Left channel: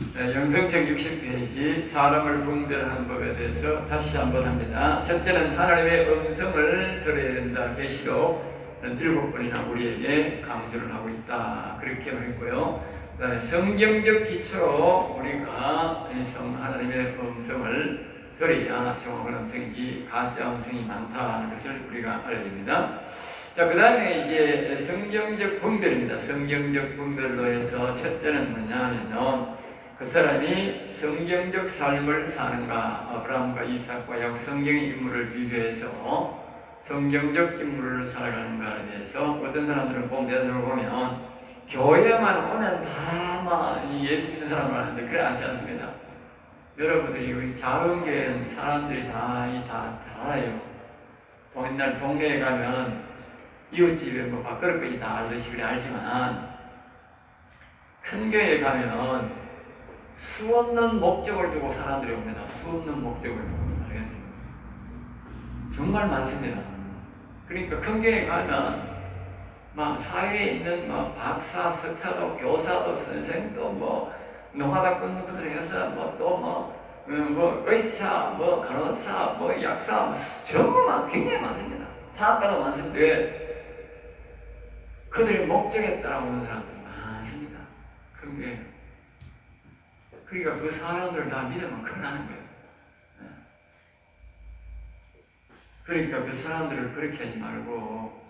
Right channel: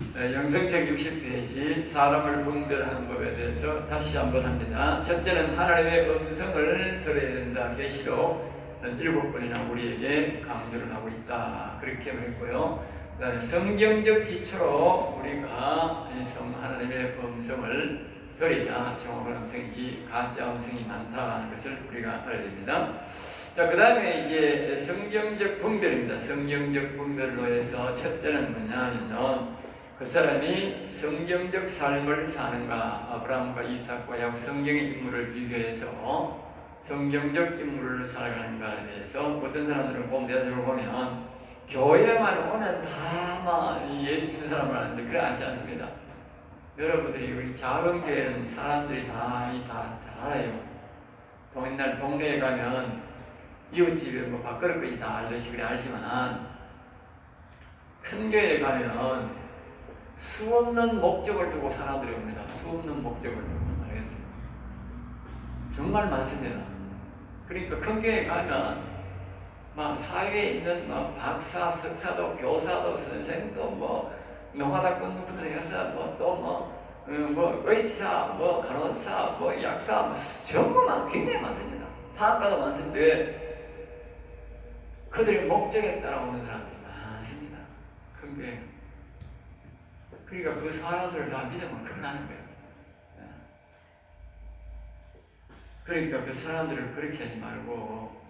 영성책 60페이지 사람을 분별하는 법에 대해서 다시 한번 합니다. 첫째는 하나님의 음성을 들어야 된다. 계시록 7번이나 우리에게 강조를 하고 있다. 그렇게 했고요. 그 다음에 성경적 기초로 우리가 하나님의 음성을 들어야 정확한 음성이지 가짜 음성이 많다는 것을 우리가 알아야 됩니다. 자, 그 다음에 이제 성경적 분별입니다. 성경적 분별로 해서 첫째는 뭐냐면 그 사람이 성경적 삶을 사는가, 아브라함과 이삭과 야곱 성경의 인물을 비교해서 성경적 인물을 살아가는가에 대해서 어떤 사람들은 대답을 보면 교회만 오면 다 예수 믿는 사람을 아는데 그래 않지 않습니다. 여러분들이 우리 작은 교회는 사람들이 다 알아요. 옛날 동네에 가면 이웃집에 밥그릇까지 다 알듯이 그래 알지만 큰 교회에 가면은 수 없는 목적을 두고 사람들이 옵니다. 수 없는 목적을 두고. 알겠습니다. 정말 많습니다. 그러니까 큰 교회에 가면 사회에 있는 박사, 석사도, 교사도, 선생도, 노가다 끊는 분들 해서 의사, 간호사, 약사, 전부 굉장히 많습니다. 사학과도 많은데 그들의 목적에 따라 오는 사람들이 많습니다. 큰 교회. 그러니까 그 사람들을 다 믿으면 큰일 나는 거예요. 그러니까 그 사람들을 그렇게 하지 말고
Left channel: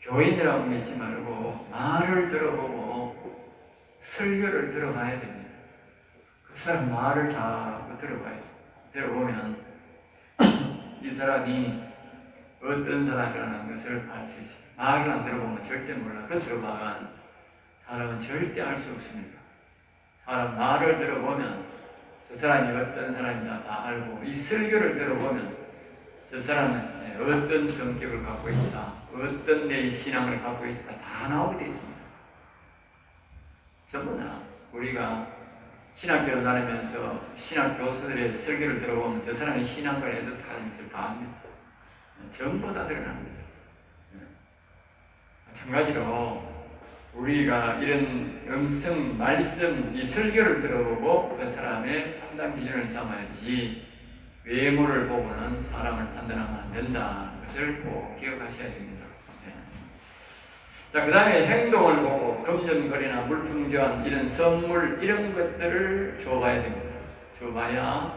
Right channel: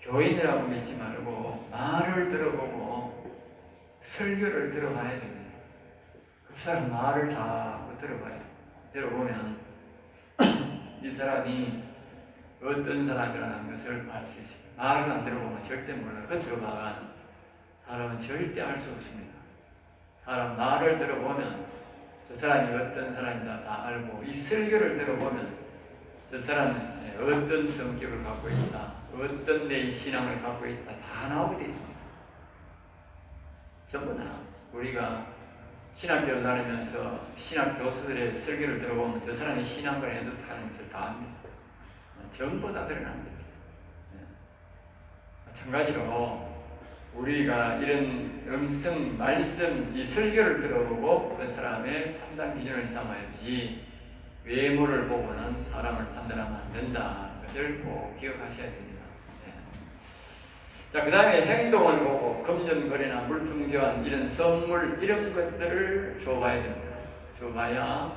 교인이라고 믿지 말고 말을 들어보고 설교를 들어봐야 됩니다. 그 사람 말을 자꾸 들어봐야 돼요. 들어보면 이 사람이 어떤 사람이라는 것을 알 수 있어요. 말을 안 들어보면 절대 몰라요. 그 들어봐간 사람은 절대 알 수 없습니다. 사람 말을 들어보면 저 사람이 어떤 사람이다 다 알고, 이 설교를 들어보면 저 사람은 어떤 성격을 갖고 있다, 어떤 내 신앙을 갖고 있다 다 나오게 되어 있습니다. 전부 다 우리가 신학교를 다니면서 신학 교수들의 설교를 들어보면 저 사람이 신앙과에 뜻하는 것을 다 압니다. 전부 다 드러납니다. 마찬가지로 우리가 이런 음성, 말씀, 이 설교를 들어보고 그 사람의 판단 기준을 삼아야지 외모를 보고는 사람을 판단하면 안 된다는 것을 꼭 기억하셔야 됩니다. 자, 그 다음에 행동을 보고 금전거래나 물품 교환, 이런 선물, 이런 것들을 줘봐야 됩니다. 줘봐야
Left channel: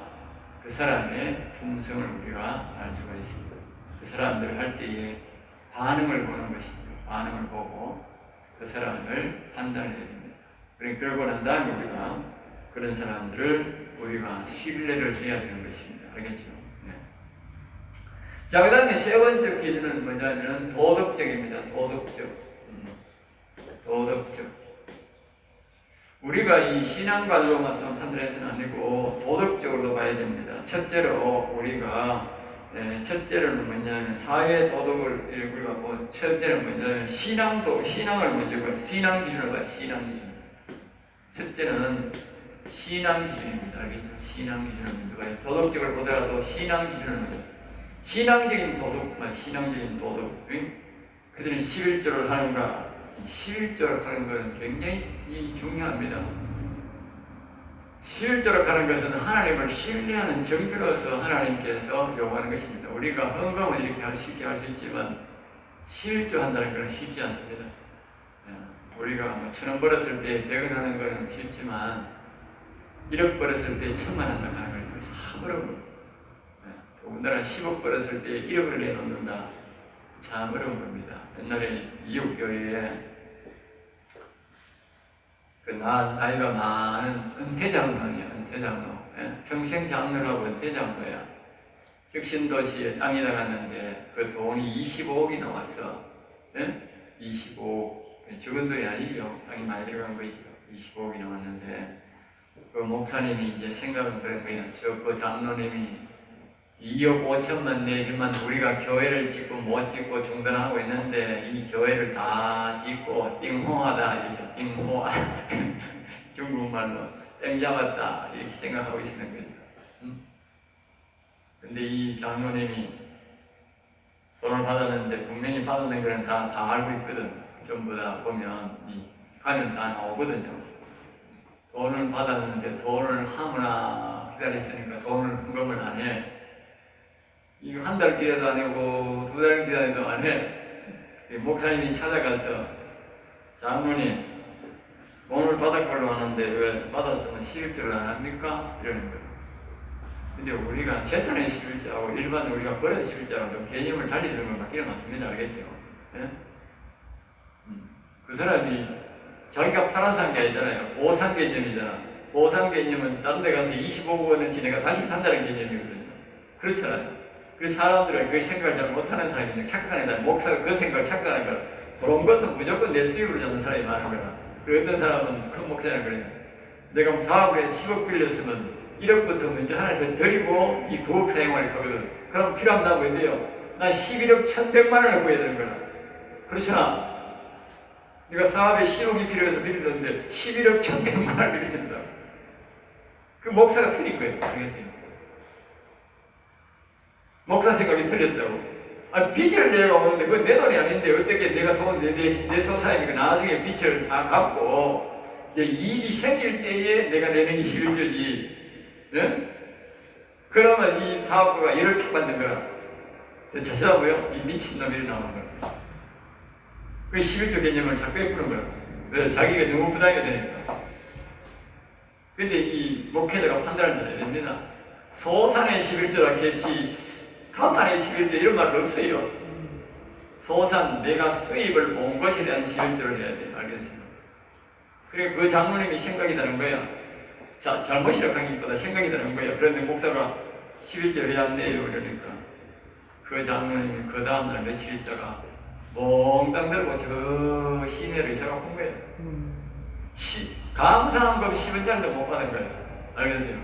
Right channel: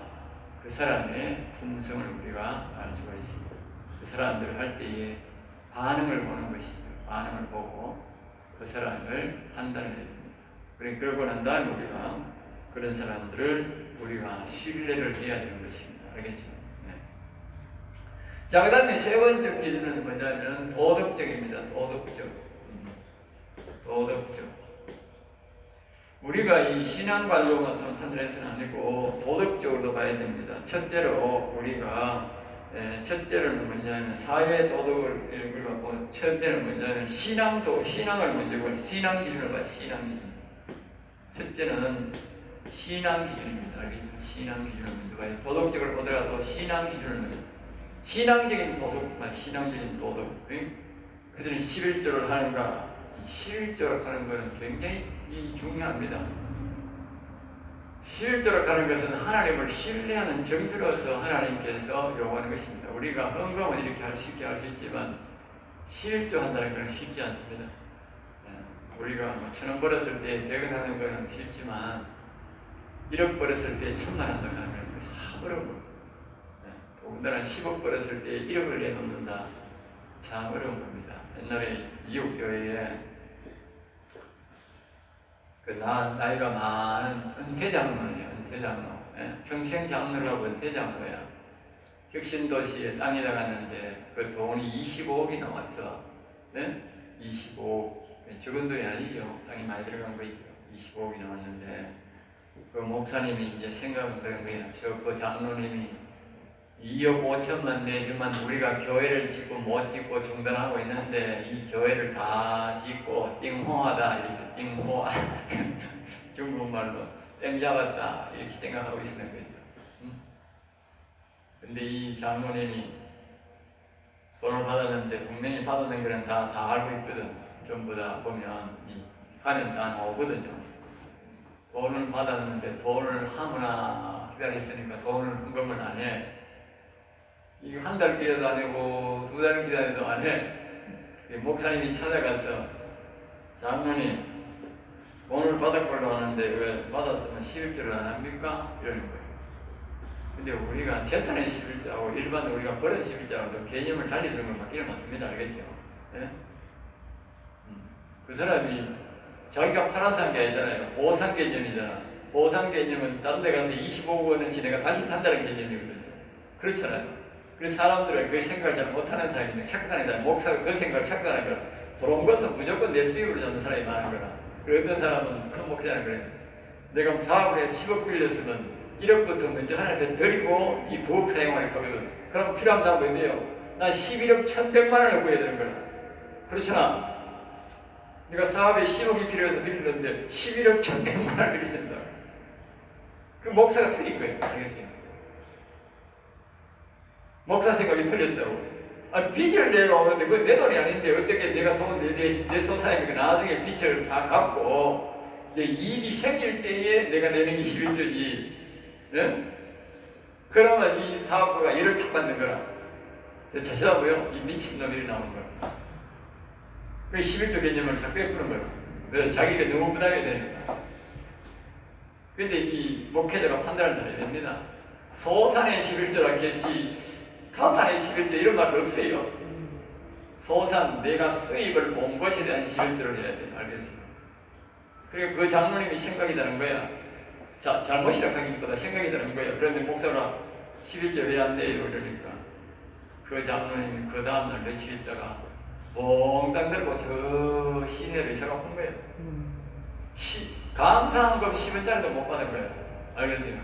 그 사람의 품성을 우리가 알 수가 있습니다. 그 사람들을 할 때에 반응을 보는 것입니다. 반응을 보고 그 사람을 판단해야 됩니다. 그러고 난 다음에 우리가 그런 사람들을 우리가 신뢰를 해야 되는 것입니다. 알겠죠? 네. 자, 그 다음에 세 번째 기준은 뭐냐면 도덕적입니다. 도덕적. 우리가 이 신앙관료만 판단해서는 아니고 도덕적으로도 봐야 됩니다. 첫째로 우리가 첫째는 뭐냐면 사회 도덕을 우리가 보고, 첫째는 뭐냐면 신앙을 먼저 봐요. 신앙 기준을 봐요. 신앙 기준. 첫째는 신앙 기준입니다. 알겠죠? 신앙 기준을 먼저 봐요. 도덕적으로 보더라도 신앙 기준을 먼저. 신앙적인 도덕. 그들은 11조를 하는가? 11조를 하는 것은 굉장히 중요합니다. 11조를 하는 것은 하나님을 신뢰하는 정표로서 하나님께서 요구하는 것입니다. 우리가 헌금은 이렇게 쉽게 할 수 있지만 11조 한다는 것은 쉽지 않습니다. 우리가 1,000원 벌었을 때 100원 하는 것은 쉽지만 1억 벌었을 때 1,000만 한다고 하는 것이 참 어려워요. 더군다나 10억 벌었을 때 1억을 내놓는다. 참 어려운 겁니다. 옛날에 이웃교회에 나이가 많은 은퇴장로예요. 평생 장로라고 은퇴장로야. 혁신도시에 땅이 나갔는데 그 돈이 25억이 나왔어. 25억. 적은 돈이 아니죠. 땅이 많이 들어간 거죠. 25억이 나왔는데 그 목사님이 이제 생각은 그런 거예요. 그 장로님이 2억 5천만 내지만 우리가 교회를 짓고 못 짓고 중단하고 있는데 이 교회를 다 짓고 띵호하다 이래서 띵호 중국말로 땡 잡았다 이렇게 생각하고 있는 거죠. 근데 이 장로님이 돈을 받았는데 분명히 받아낸 거는 다 알고 있거든. 전부 다 보면 가면 다 나오거든요. 돈을 받았는데 돈을 하거나 기다렸으니까 돈을 헌금을 안 해. 이거 한 달 기다려도 안 하고 2달 기다려도 안 해. 목사님이 찾아가서 장모님 돈을 받았걸로 하는데 왜 받았으면 11조를 안 합니까? 이러는 거예요. 근데 우리가 재산의 11조하고 일반 우리가 버린 11조하고 좀 개념을 달리 드는 건 바뀌는 맞습니다. 알겠죠? 예? 그 사람이 자기가 팔아서 한 게 아니잖아요. 보상 개념이잖아. 보상 개념은 다른 데 가서 25억 원어치 내가 다시 산다는 개념이거든요. 그렇잖아요. 그 사람들은 그 생각을 잘 못하는 사람이 착각하는 사람, 목사가 그 생각을 착각하는 거라. 그런 것은 무조건 내 수입으로 잡는 사람이 많은 거라. 그 어떤 사람은 큰 목사는 그래요. 내가 사업을 해서 10억 빌렸으면 1억부터 먼저 하나 더 드리고 이 9억 사용할 거거든. 그럼 필요하면 다 뭐예요? 난 11억 1,100만 원을 구해야 되는 거야. 그렇잖아. 네가 사업에 10억이 필요해서 빌렸는데 11억 1,100만 원을 빌린다. 그 목사가 틀린 거예요. 알겠어요? 목사 생각이 틀렸다고. 빚을 내가 오는데 그건 내 돈이 아닌데 어떻게 내가 내 소사이니까 나중에 빚을 다 갚고 이제 이익이 생길 때에 내가 내는 게 11조지. 네? 그러면 이 사업부가 일을 탁 받는 거야. 자세하고요. 이 미친놈이 나오는 거야. 그 11조 개념을 자꾸 베푸는 거야. 왜? 자기가 너무 부담이 되니까. 근데 이 목회자가 판단을 잘해야 됩니다. 소산의 11조라 했지 가산의 11조 이런 말도 없어요. 소산, 내가 수입을 본 것에 대한 11조를 해야 돼. 알겠습니까? 그리고 그 장로님이 생각이 다른 거야. 잘못이라고 하는 것보다 생각이 다른 거야. 그런데 목사가 11조 왜 안 내요? 이러니까 그 장로님이 그 다음날 며칠 있다가 몽땅 들고 저 시내를 생각한 거예요. 감사한 금 10원짜리도 못 받은 거예요. 알겠어요?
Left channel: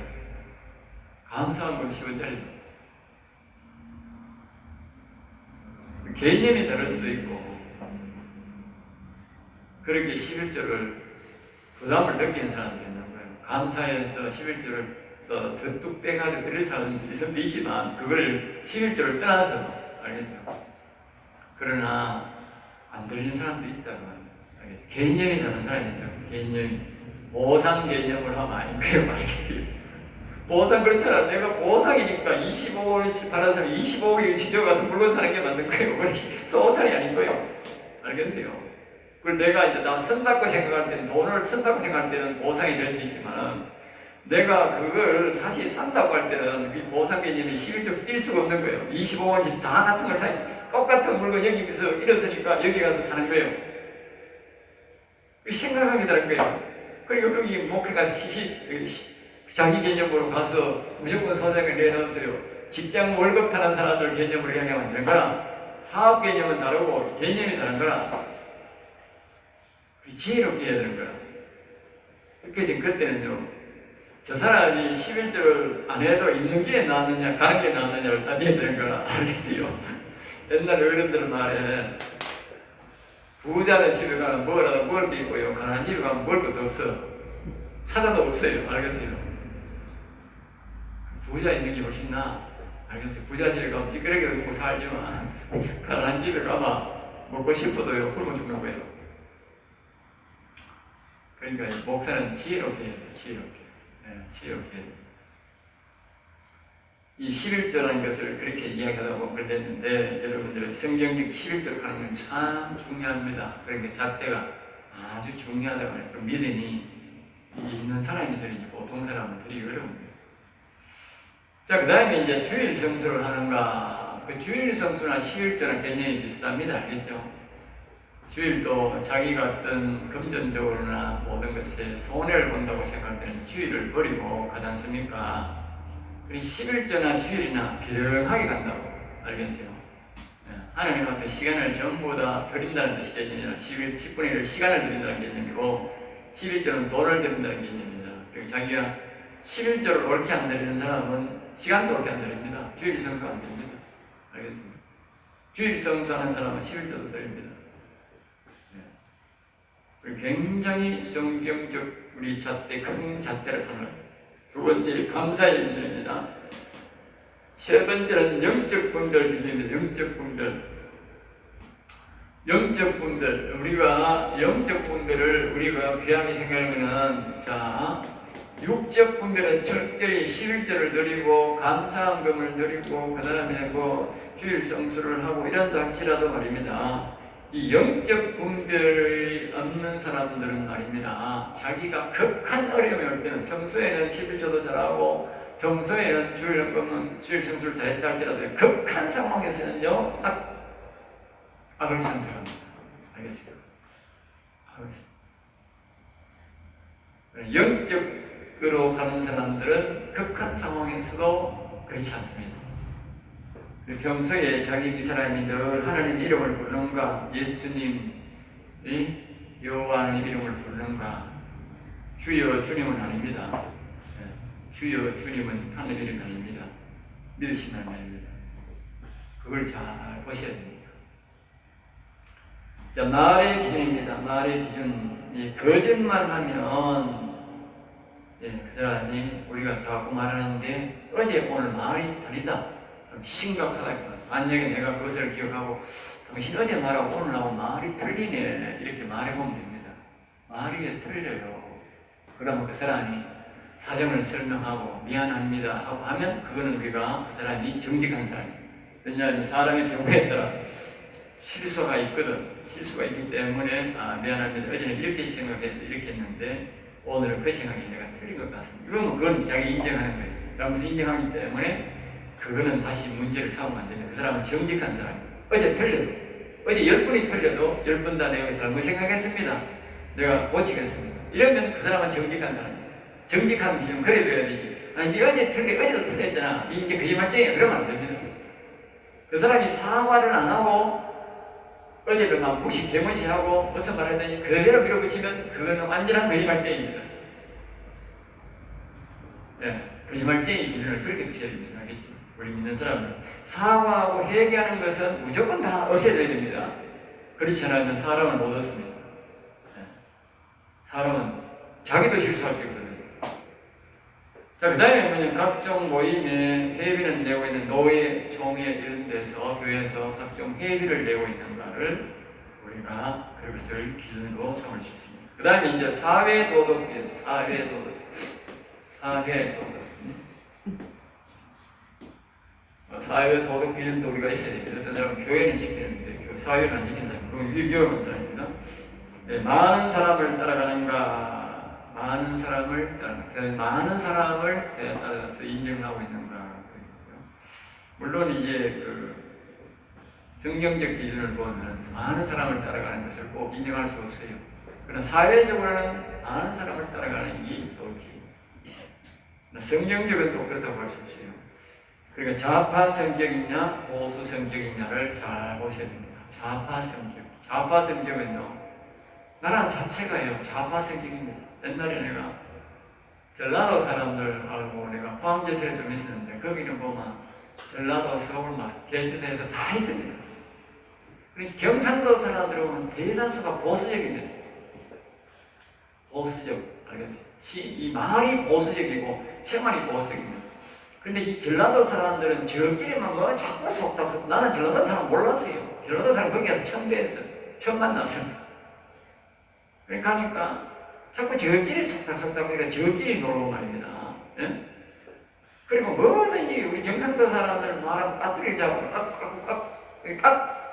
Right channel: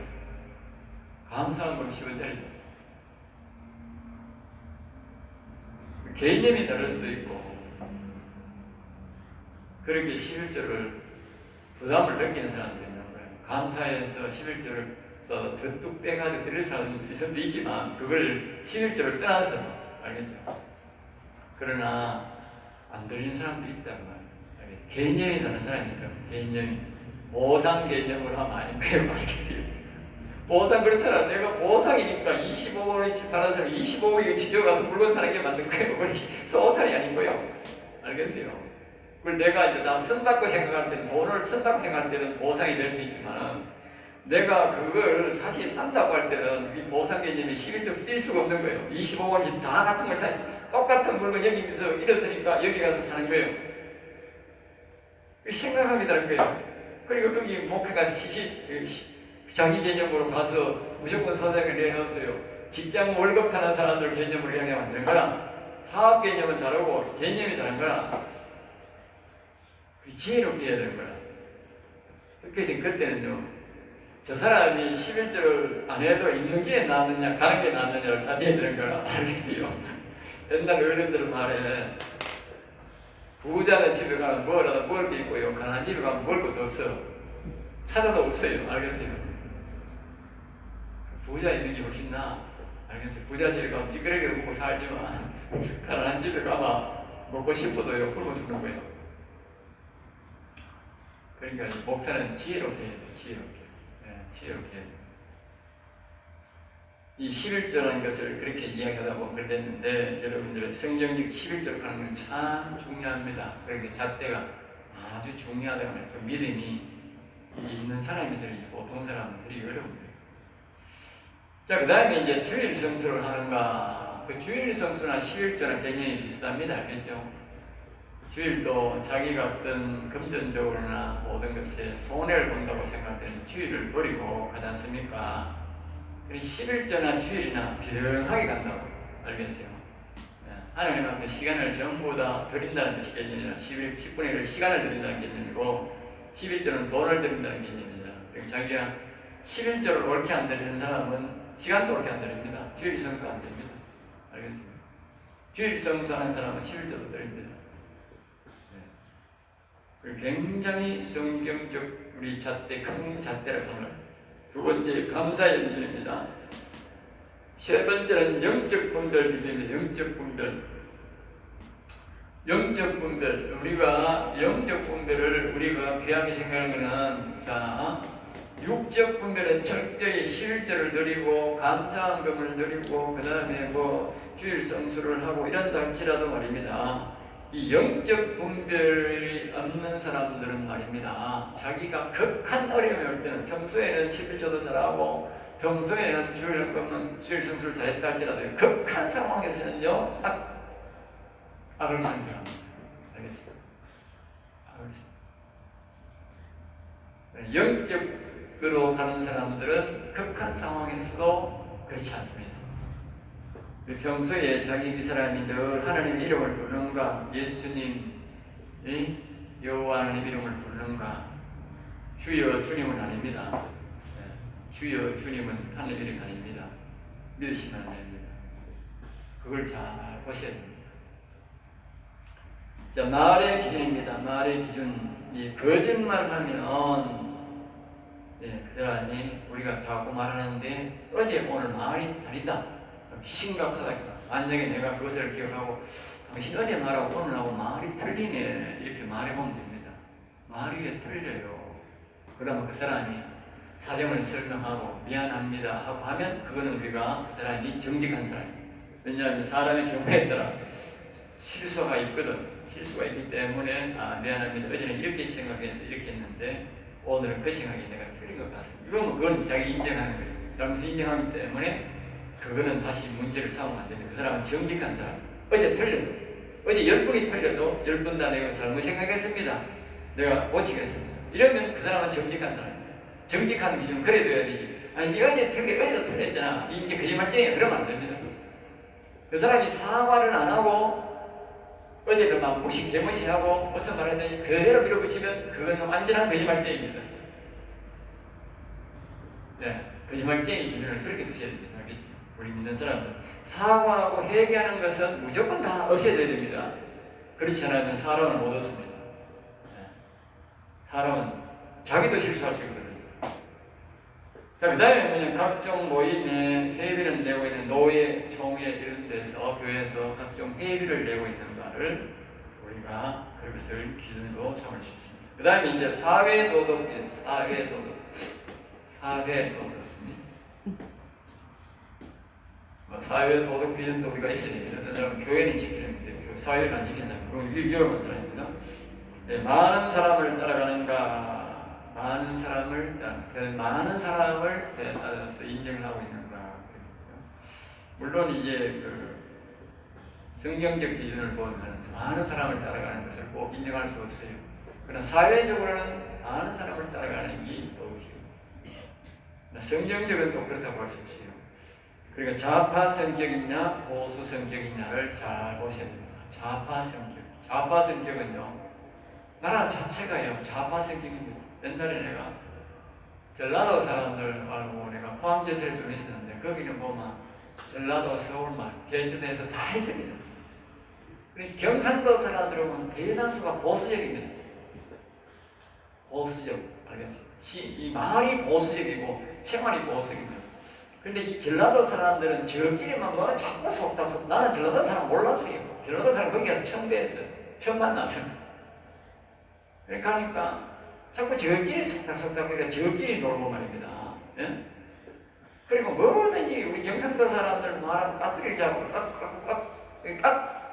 감사한 금 10원짜리. 개념이 다를 수도 있고 그렇게 11조를 부담을 느끼는 사람들이 있는 거예요. 감사해서 11조를 더 빼가지고 드릴 사람도 있지만 그걸 11조를 떠나서 알겠죠? 그러나 안 드리는 사람도 있다고 알겠죠? 개념이 다른 사람이 있다고. 개념이 보상 개념을 하면 아닌 거예요. 알겠어요? 보상 그렇잖아. 내가 보상이니까 25억을 받아서 25억이 지져가서 물건 사는 게 맞는 거예요. 그건 소산이 아닌 거예요. 알겠어요? 그걸 내가 이제 다 쓴다고 생각할 때는, 돈을 쓴다고 생각할 때는 보상이 될 수 있지만 내가 그걸 다시 산다고 할 때는 이 보상 개념이 11조 뛸 수가 없는 거예요. 25억이 다 같은 걸 사야 똑같은 물건 여기서 잃었으니까 여기 가서 사는 거예요. 생각하기 다른 거예요. 그리고 여기 목회가 자기 개념으로 가서 무조건 소장을 내놓으세요. 직장 월급 타는 사람들 개념으로 향하면 안 되는 거라. 사업 개념은 다르고 개념이 다른 거라. 지혜롭게 해야 되는 거라. 그래서 그때는요, 저 사람이 11조를 안 해도 있는 게 낫느냐 가는 게 낫느냐를 따져야 되는 거라. 알겠어요? 옛날 어른들 말에 부자는 집에 가면 뭐라도 먹을 게 있고요, 가난한 집에 가면 먹을 것도 없어. 찾아도 없어요. 알겠어요? 부자 있는 게 훨씬 나아. 알겠어요? 부자 집에 가면 찌끄레기를 먹고 살지만 가난한 집에 가면 먹고 싶어도요, 굶어 죽는 거예요. 그러니까 목사는 지혜롭게 해야 돼요. 지혜롭게. 네, 지혜롭게 해야 돼요. 이 11조라는 것을 그렇게 이야기하다 보면 그랬는데 여러분들은 성경적 11조를 가는 건 참 중요합니다. 그러니까 잣대가 아주 중요하다고 해요. 그 믿음이 있는 사람들이지 보통 사람은 되게 어려워요. 자, 그 다음에 이제 주일 성수를 하는가. 그 주일 성수나 11조나 개념이 비슷합니다. 알겠죠? 주일도 자기가 어떤 금전적으로나 모든 것에 손해를 본다고 생각할 때는 주일을 버리고 가지 않습니까? 그리고 11조나 주일이나 비등하게 간다고. 알겠어요? 하나님 앞에 시간을 전부 다 드린다는 뜻이 개념이라 10분의 1을 시간을 드린다는 개념이고 11조는 돈을 드린다는 개념입니다. 그리고 자기가 11조를 옳게 안 드리는 사람은 시간도 옳게 안 드립니다. 주일 성수 안 드립니다. 알겠습니까? 주일 성수하는 사람은 11조도 드립니다. 굉장히 성경적 우리 잣대, 큰 잣대라고 합니다. 두 번째, 감사의 기도입니다. 세 번째는 영적 분별 기도입니다. 영적 분별. 영적 분별. 우리가 영적 분별을 우리가 귀하게 생각하면은, 자, 육적 분별은 철저히 11조를 드리고 감사헌금을 드리고 그 다음에 주일 성수를 하고 이런다 할지라도 말입니다. 이 영적 분별이 없는 사람들은 말입니다. 자기가 극한 어려움이 올 때는 평소에는 11조도 잘하고 평소에는 주일 헌금은 주일 성수를 잘했다 할지라도 극한 상황에서는요 악을 선택합니다. 알겠습니까? 영적으로 가는 사람들은 극한 상황에서도 그렇지 않습니다. 평소에 자기 이 사람이 늘 하나님 이름을 부르는가, 예수님, 여호와의 이름을 부르는가, 주여 주님은 아닙니다. 주여 주님은 하나님 이름이 아닙니다. 믿으시면 아닙니다. 그걸 잘 보셔야 됩니다. 자, 말의 기준입니다. 말의 기준. 거짓말하면 그 사람이 우리가 자꾸 말하는데 어제 오늘 말이 다르다. 심각하다. 만약에 내가 그것을 기억하고 당신 어제 말하고 오늘하고 말이 틀리네 이렇게 말해보면 됩니다. 말이 왜 틀려요? 그러면 그 사람이 사정을 설명하고 미안합니다 하고 하면 그거는 우리가 그 사람이 정직한 사람이에요. 왜냐하면 사람의 경우에 따라 실수가 있거든. 실수가 있기 때문에 미안합니다. 어제는 이렇게 생각해서 이렇게 했는데 오늘은 그 생각이 내가 틀린 것 같습니다. 그러면 그건 자기 인정하는 거예요. 잘못을 인정하기 때문에 그거는 다시 문제를 삼으면 안 됩니다. 그 사람은 정직한 사람이에요. 어제 틀려도 어제 10번이 틀려도 10번 다 내가 잘못 생각했습니다. 내가 고치겠습니다. 이러면 그 사람은 정직한 사람이에요. 정직한 기준은 그래 둬야 되지. 아니 네가 어제 어제도 틀렸잖아. 이제 거짓말쟁이야. 그러면 안 됩니다. 그 사람이 사과를 안 하고 어제도 막 개무시하고 무슨 말 하더니 그대로 밀어붙이면 그거는 완전한 거짓말쟁이입니다. 거짓말쟁이 기준을 그렇게 두셔야 됩니다. 알겠죠? 우리 믿는 사람은 사과하고 회개하는 것은 무조건 다 없애줘야 됩니다. 그렇지 않으면 사람을 못 얻습니다. 사람은 자기도 실수할 수 있거든요. 자, 그 다음에 각종 모임에 회비를 내고 있는 노예, 총회 이런 데서 교회에서 각종 회비를 내고 있는가를 우리가 그것을 기준으로 삼을 수 있습니다. 그 다음에 이제 사회도덕. 사회도덕 기준도 우리가 있어야 돼요. 어떤 사람은 교회는 지키는데 사회를 안 지킨다. 그건 위험한 사람입니다. 많은 사람을 따라가는가, 많은 사람을 따라서 인정하고 있는가. 물론 이제 성경적 기준을 보면 많은 사람을 따라가는 것을 꼭 인정할 수 없어요. 그러나 사회적으로는 많은 사람을 따라가는 게 더욱이 성경적은 또 그렇다고 할 수 없어요. 그러니까 좌파 성격이냐 보수 성격이냐를 잘 보셔야 됩니다. 좌파 성격은요 나라 자체가요 좌파 성격입니다. 옛날에 내가 전라도 사람들 알고 내가 포항제철에 좀 있었는데 거기는 보면 전라도, 서울, 제주도에서 다 있습니다. 그래서 경상도 사람들은 보면 대다수가 보수적입니다. 보수적, 알겠지? 이 말이 보수적이고 생활이 보수적입니다. 근데 이 전라도 사람들은 저끼리만 자꾸 속닥속. 나는 전라도 사람 몰랐어요. 전라도 사람 거기 가서 처음 뵀어. 처음 만났어. 그러니까 자꾸 저끼리 속닥속닥 그러니까 저끼리 놀고 말입니다. 예? 그리고 뭐든지 우리 경상도 사람들 말하면 까투리를 잡고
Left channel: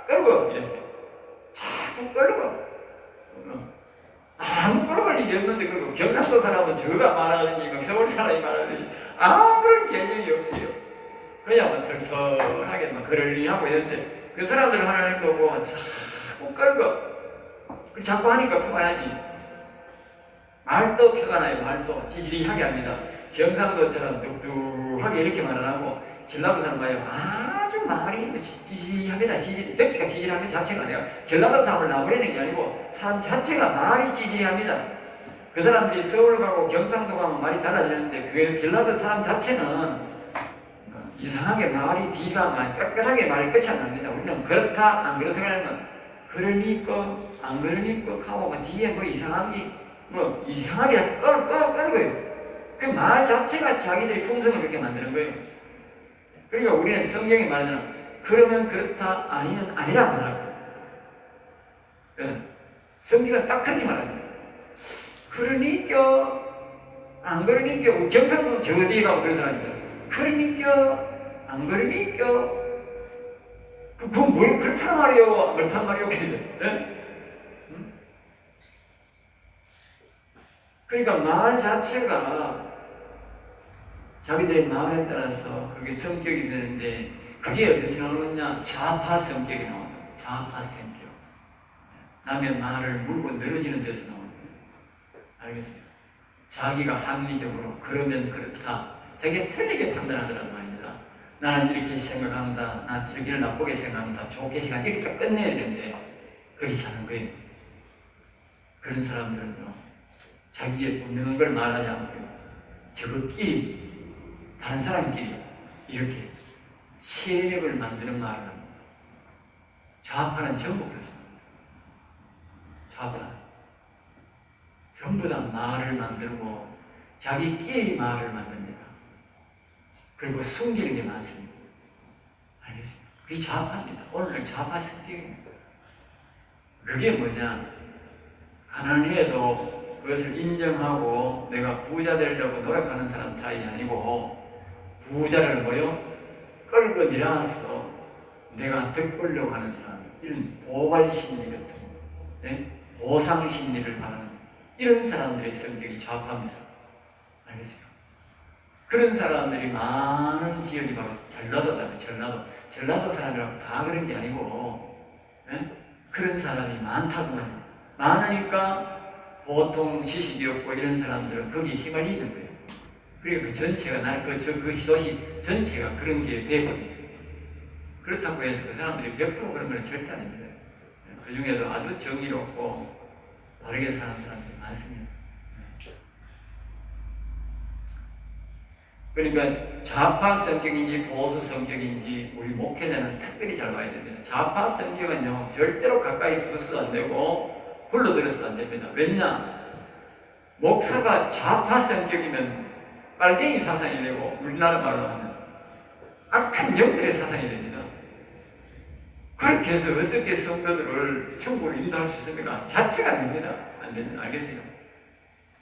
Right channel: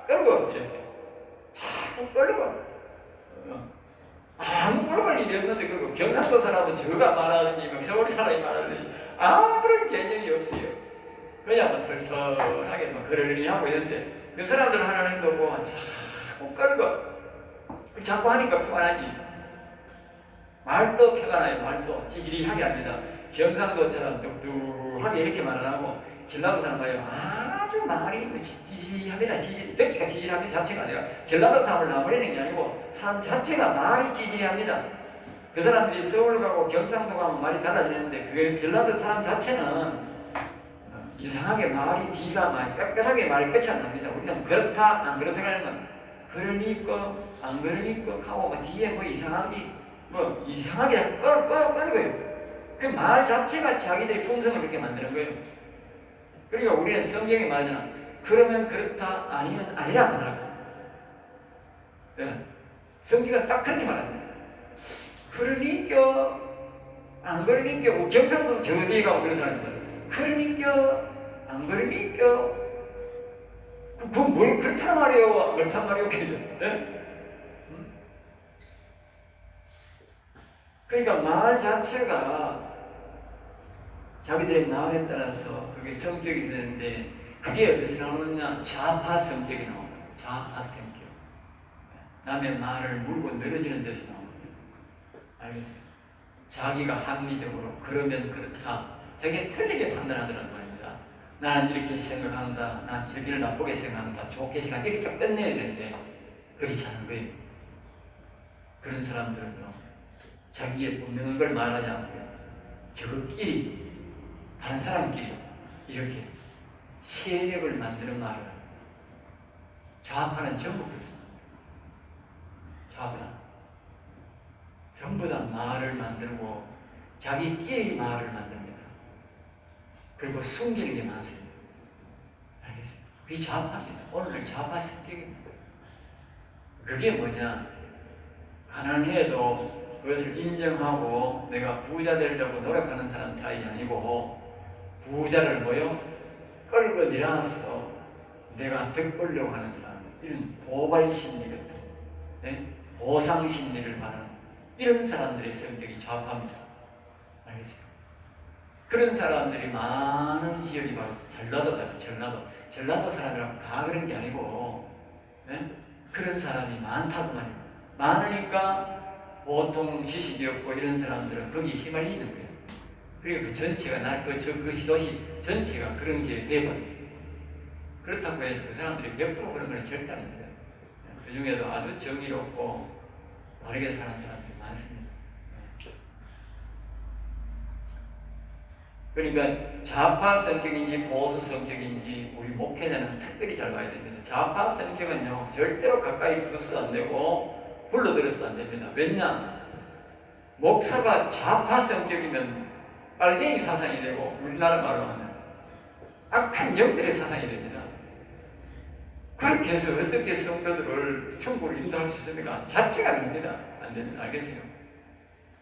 끌고 이렇게 자꾸 끌고 아무 끌어갈 일이 없는데 그거 경상도 사람은 저가 말하는지 서울 사람이 말하는지 아무런 개념이 없어요. 그냥 막 털털하게 막 그러려고 있는데 그 사람들 하는 행동 보면 자꾸 끌고 자꾸 하니까 평안하지. 말도 표가 나요. 말도 지지리하게 합니다. 경상도처럼 뚝뚝하게 이렇게 말을 하고 전라도 사람 봐요. 아주 말이 지지합니다. 듣기가 지지하는 자체가 아니라 전라도 사람을 나무라는 게 아니고 사람 자체가 말이 지지합니다. 그 사람들이 서울 가고 경상도 가면 말이 달라지는데 그 전라도 사람 자체는 이상하게 말이 뒤가 많이 빽빽하게 말이 끝이 안 납니다. 우리는 그렇다 안 그렇다 하는 건 그러니까 안 그러니까 하고 뒤에 이상하게 끌고요. 그 말 자체가 자기들의 품성을 그렇게 만드는 거예요. 그러니까 우리는 성경에 말하잖아. 그러면 그렇다 아니면 아니라 말하고. 성경은 딱 그렇게 말합니다. 그러니까 안 그러니까 경상도 저 어디에 가고 그런 사람이 있잖아요. 그러니까 안 그러니까 그뭘 그렇단 말이요 안 그렇단 말이요. 네? 그러니까 말 자체가 자기들의 마음에 따라서 그게 성격이 되는데 그게 어디서 나오느냐? 좌파 성격이 나옵니다. 좌파 성격. 남의 말을 물고 늘어지는 데서 나옵니다. 알겠어요? 자기가 합리적으로 그러면 그렇다. 자기가 틀리게 판단하더란 말입니다. 나는 이렇게 생각한다. 난 저기를 나쁘게 생각한다. 좋게 생각한다. 이렇게 끝내야 되는데 그렇지 않은 거예요. 그런 사람들은요. 자기의 분명한 걸 말하지 않고요. 저것끼리 다른 사람끼리 이렇게 세력을 만드는 말을 합니다. 좌파는 전부 그렇습니다. 좌파 전부 다 말을 만들고 자기끼리 말을 만듭니다. 그리고 숨기는 게 많습니다. 알겠습니다. 그게 좌파입니다. 오늘날 좌파 성격입니다. 그게 뭐냐? 가난해도 그것을 인정하고 내가 부자 되려고 노력하는 사람 타입이 아니고 부자를 뭐요? 끌고 내려와서 내가 득보려고 하는 사람, 이런 보발 심리 같은 네? 보상 심리를 바라는 이런 사람들의 성격이 좌파입니다. 알겠어요? 그런 사람들이 많은 지역이 바로 전라도다. 전라도 사람들하고 다 그런 게 아니고 네? 그런 사람이 많다고 말이에요. 많으니까 보통 지식이 없고 이런 사람들은 거기에 휘말리는 거예요. 그리고 그 전체가 그 도시 전체가 그런 게 되거든요. 그렇다고 해서 그 사람들이 100% 그런 건 절대 아닙니다. 그 중에도 아주 정의롭고 바르게 사는 사람들이 많습니다. 그러니까 좌파 성격인지 보수 성격인지 우리 목회자는 특별히 잘 봐야 됩니다. 좌파 성격은요 절대로 가까이 붙어서도 안 되고 불러들여서도 안 됩니다. 왜냐? 목사가 좌파 성격이면 빨갱이 사상이 되고 우리나라 말로 하면 악한 영들의 사상이 됩니다. 그렇게 해서 어떻게 성도들을 천국으로 인도할 수 있습니까? 자체가 안 됩니다. 안 됩니다. 알겠어요?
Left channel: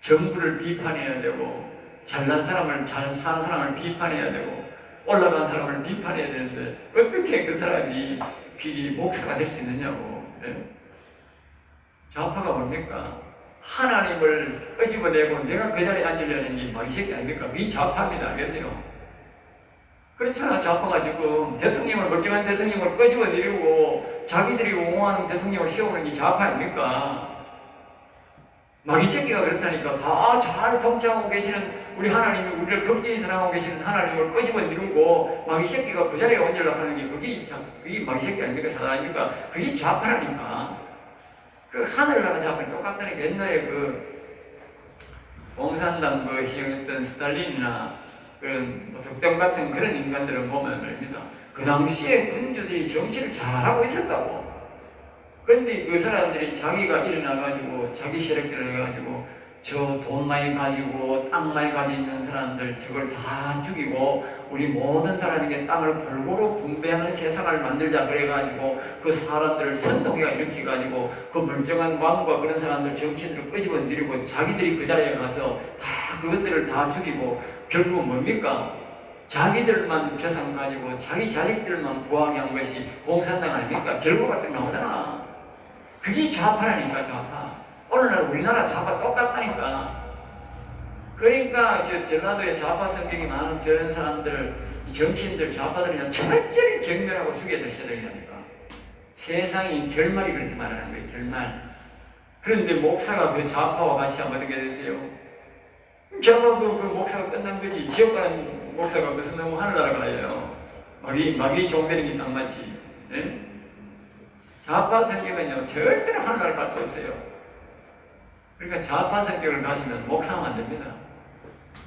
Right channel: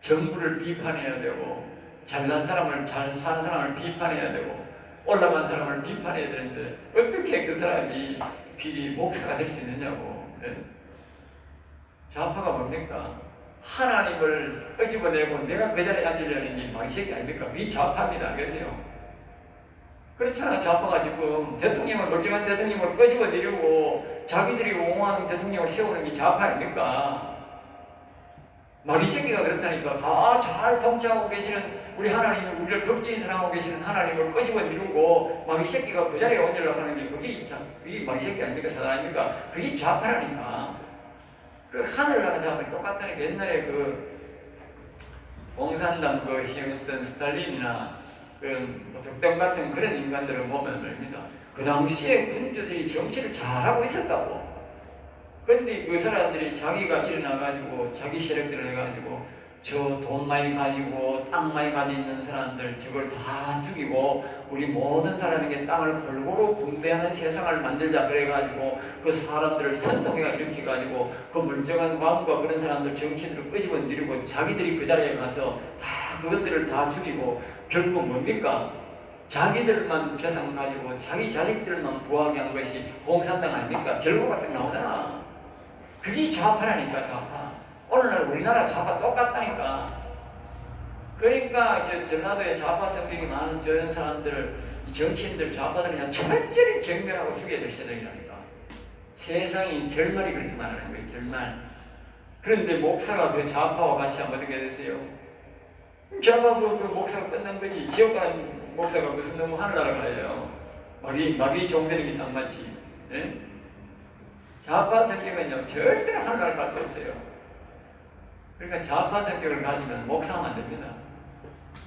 정부를 비판해야 되고 잘난 사람을, 잘 사는 사람을 비판해야 되고 올라간 사람을 비판해야 되는데 어떻게 그 사람이 목사가 될 수 있느냐고. 네? 좌파가 뭡니까? 하나님을 끄집어내고 내가 그 자리에 앉으려는 이 새끼 아닙니까? 이 좌파입니다. 알겠어요? 그렇잖아. 좌파가 지금 대통령을 멀쩡한 대통령을 끄집어내려고 자기들이 옹호하는 대통령을 세우는 게 좌파 아닙니까? 이 새끼가 그렇다니까. 다 잘 통치하고 계시는 우리 하나님이 우리를 극진히 사랑하고 계시는 하나님을 끄집어내려고 이 새끼가 그 자리에 앉으려고 하는 게 그게 이 새끼 아닙니까? 사단 아닙니까? 그게 좌파라니까. 그 하늘나라 좌파는 똑같다니까. 옛날에 공산당 희영했던 스탈린이나 그런 덕담 같은 그런 인간들을 보면 말입니다. 그 당시에 군주들이 정치를 잘하고 있었다고. 그런데 그 사람들이 자기가 일어나가지고 자기 세력들을 해가지고 저 돈 많이 가지고 땅 많이 가지고 있는 사람들 저걸 다 죽이고 우리 모든 사람에게 땅을 골고루 분배하는 세상을 만들자 그래가지고 그 사람들을 선동해가 일으켜가지고 그 멀쩡한 왕과 그런 사람들 정치인들을 끄집어내리고 자기들이 그 자리에 가서 다 그것들을 다 죽이고 결국 뭡니까? 자기들만 재산 가지고 자기 자식들만 부하게 한 것이 공산당 아닙니까? 결국 같은 거 나오잖아. 그게 좌파라니까. 좌파. 오늘날 우리나라 좌파 똑같다니까. 그러니까 전라도에 좌파 성격이 많은 저런 사람들, 정치인들, 좌파들은 그냥 철저히 경멸하고 죽여야 될 세력이라니까. 세상이 결말이 그렇게 말하는 거예요. 결말. 그런데 목사가 그 좌파와 같이 하면 어떻게 되세요? 좌파 그 목사가 끝난 거지. 지옥 가는 목사가 무슨 너무 하늘나라 가요. 마귀 종되는 게 딱 맞지. 네? 좌파 성격은요 절대로 하늘나라 갈 수 없어요. 그러니까 좌파 성격을 가지면 목사하면 안 됩니다.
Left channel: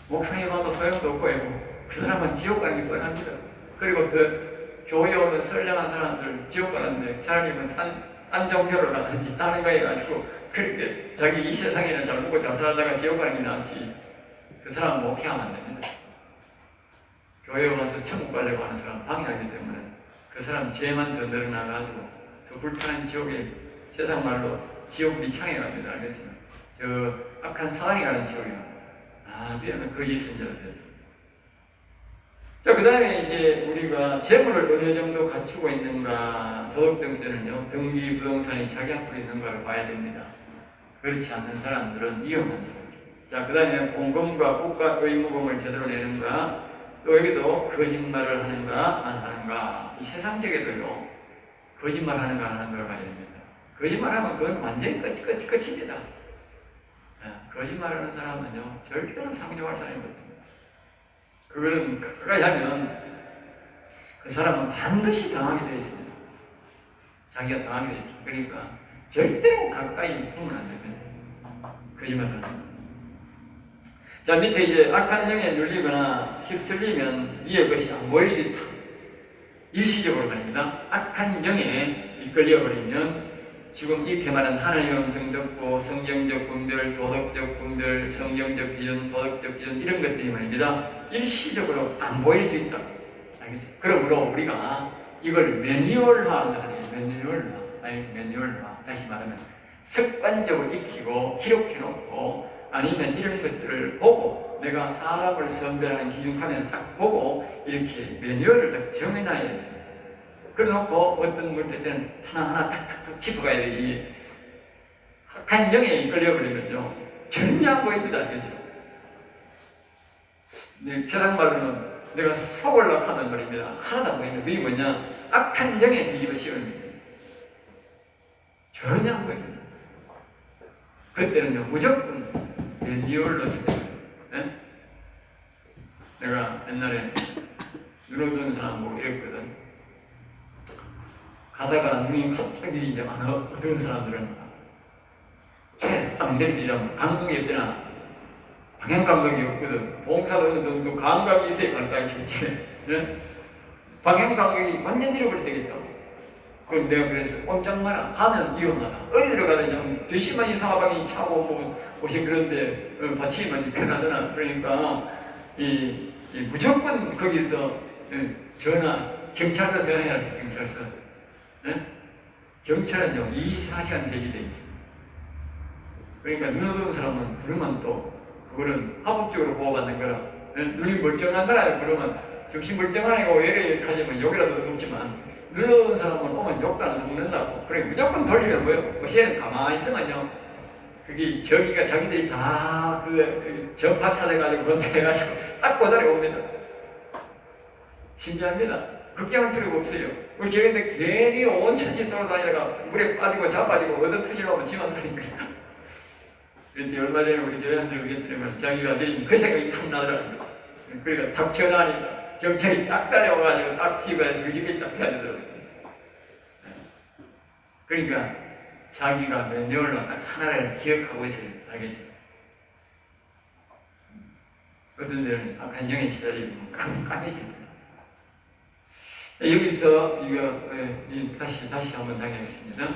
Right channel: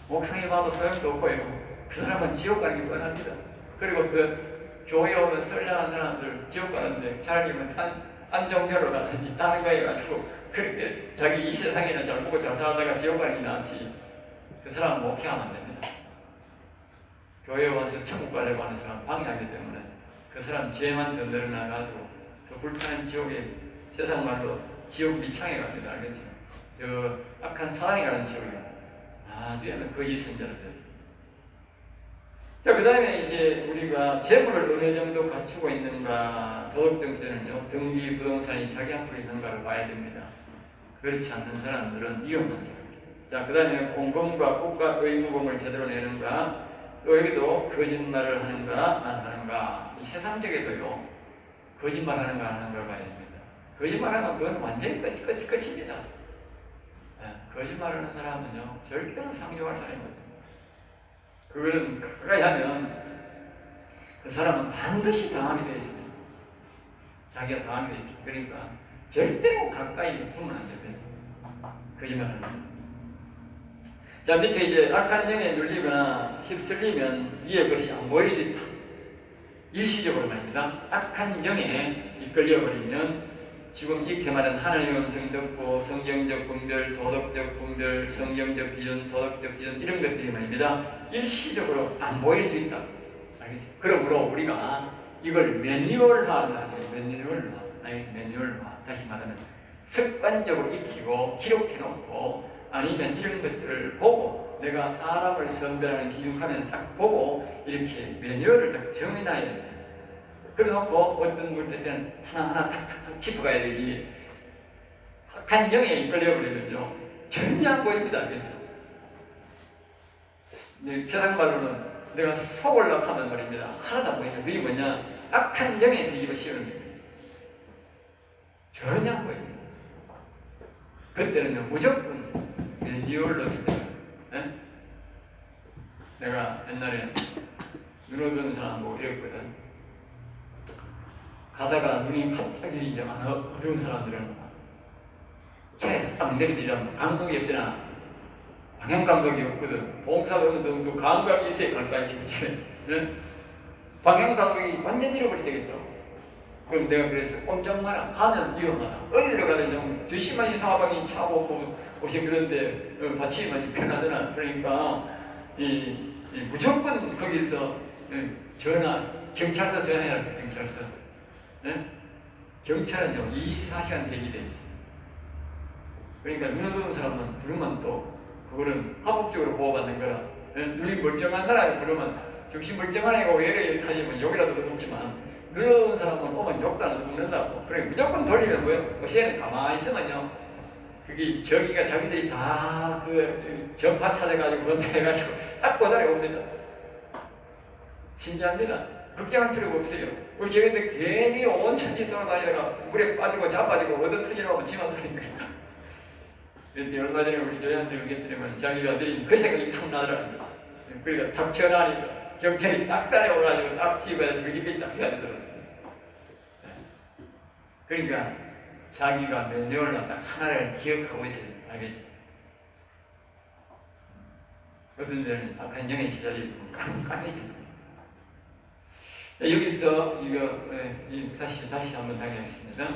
목사해봐도 소용도 없고요. 그 사람은 지옥 가는 게 뻔합니다. 그리고 그 교회 오는 선량한 사람들 지옥 가는데 자기는 딴 종교로 가든지 다른 거 해가지고 그렇게 자기 이 세상에는 잘 먹고 잘 살다가 지옥 가는 게 낫지. 그 사람 목회하면 안 됩니다. 교회 와서 천국 가려고 하는 사람 방해하기 때문에 그 사람 죄만 더 늘어나가지고 더 불편한 지옥에 세상 말로 지옥 밑창에 갑니다. 알겠어요? 저 악한 사랑이라는 지옥이요. 아주 거짓 선자가 되었습니다. 자, 그 다음에 이제 우리가 재물을 어느 정도 갖추고 있는가, 도덕정신은요, 등기 부동산이 자기 앞으로 있는가를 봐야 됩니다. 그렇지 않는 사람들은 위험한 사람입니다. 자, 그 다음에 공금과 국가 의무금을 제대로 내는가, 또 여기도 거짓말을 하는가, 안 하는가, 이 세상적에도요, 거짓말 하는가, 안 하는 걸 봐야 됩니다. 거짓말하면 그건 완전히 끝입니다. 거짓말하는 사람은요, 절대로 상종할 사람이 없습니다. 그거는 가까이 하면 그 사람은 반드시 당하게 되어 있습니다. 자기가 당하게 되어 있습니다. 그러니까 절대로 가까이 두면 안 됩니다. 거짓말하는 사람. 자, 밑에 이제 악한 영에 눌리거나 휩쓸리면 위에 것이 안 보일 수 있다. 일시적으로 삽니다. 악한 영에 이끌려버리면 지금 이렇게 말한 하나님의 음성 듣고 성경적 분별, 도덕적 분별, 성경적 기준, 도덕적 기준 이런 것들이 말입니다. 일시적으로 안 보일 수 있다. 알겠어요? 그러므로 우리가 이걸 매뉴얼화한다 하네요. 매뉴얼화. 다시 말하면 습관적으로 익히고 기록해놓고 아니면 이런 것들을 보고 내가 사람을 선별하는 기준하면서 딱 보고 이렇게 매뉴얼을 딱 정해놔야 돼요. 그래놓고 어떤 문제 때는 하나 탁탁탁 짚어가야 되지. 악한 영에 이끌려버리면요 전혀 안 보입니다. 그죠? 세상말로는 내가 속을라 하는 말입니다. 하나도 안 보입니다. 그게 뭐냐? 악한 영에 뒤집어 씌우는 거예요. 전혀 안 보입니다. 그때는요 무조건 매뉴얼로 찾아가요. 내가 옛날에 눈 어두운 사람 보고 이랬거든. 가다가 눈이 갑자기 이제 어두운 사람들은 최에서 딱 내리면 감각이 없잖아. 방향 감각이 없거든. 봉사도 어느 정도 감각이 있어야 가까이 치지. 방향 감각이 완전 잃어버릴 때가 있다고. 그럼 내가 그래서 꼼짝 마라. 가면 위험하다. 어디로 가든지 뒤심만 사방이 차고 옷이 그런데 받치면 편하잖아. 그러니까 무조건 거기서 전화 경찰서 전화해라. 경찰서. 경찰은요 24시간 대기되어 있습니다. 그러니까 눈 어두운 사람은 부르면 또 그거는 합법적으로 보호받는 거라. 눈이 멀쩡한 사람이 부르면 정신 멀쩡하고 왜 이렇게 하지만 욕이라도 먹지만 눈 어두운 사람은 오면 욕도 안 먹는다고. 그래 무조건 돌리면 뭐요? 어시에는 가만히 있으면요 그게 저기가 자기들이 다 그 전파 찾아가지고 검사해가지고 딱 고자리에 옵니다. 신기합니다. 걱정할 필요가 없어요. 우리 저기인데 괜히 온 천지 돌아다니다가 물에 빠지고 자빠지고 얻어 터지려고 지만 소리니까. 그런데 얼마 전에 우리 교회한테 얘기했더니만 자기가 아들이 그 생각이 탁 나더라고요. 그러니까 탁 전화하니까 경찰이 딱 따라와가지고 딱 집에 저 집에 딱 해야되더라고요. 그러니까 자기가 매뉴얼로 딱 하나를 기억하고 있어야 하겠죠. 어떤 데는 악한 영에 기다리고 깜깜해집니다. 여기서 이거 다시 한번 하겠습니다.